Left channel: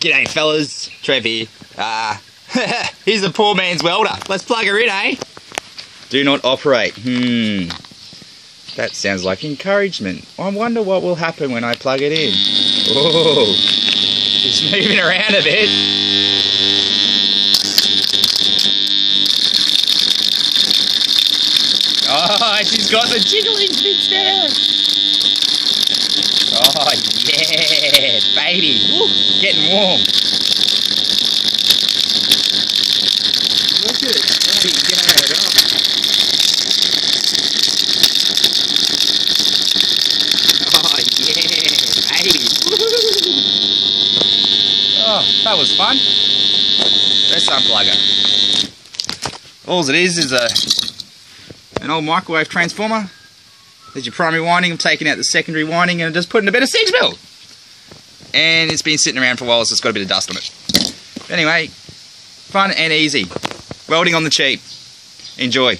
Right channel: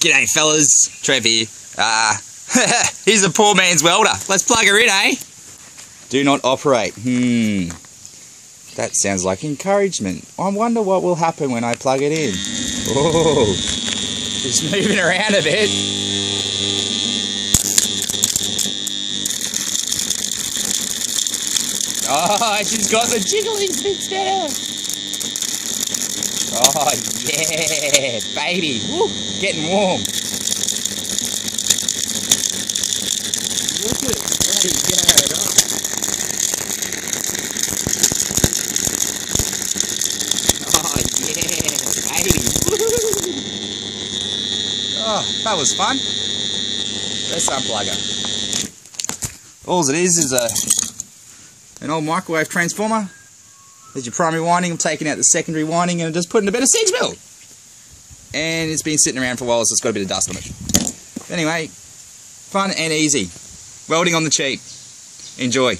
G'day fellas, Trev here. Here's the poor man's welder. Let's plug her in, eh? Do not operate. That sounds like encouragement. I wonder what will happen when I plug it in. Oh, she's moving around a bit. Oh, she's got the jiggling fixed there. Oh yeah, baby. Woo, getting warm. Look at it, bloody go. Oh yeah, baby. Oh, that was fun. Let's unplug her. All it is an old microwave transformer. There's your primary winding. I'm taking out the secondary winding and just putting a bit of siege mill. And it's been sitting around for a while, so it's got a bit of dust on it. Anyway, fun and easy. Welding on the cheap. Enjoy.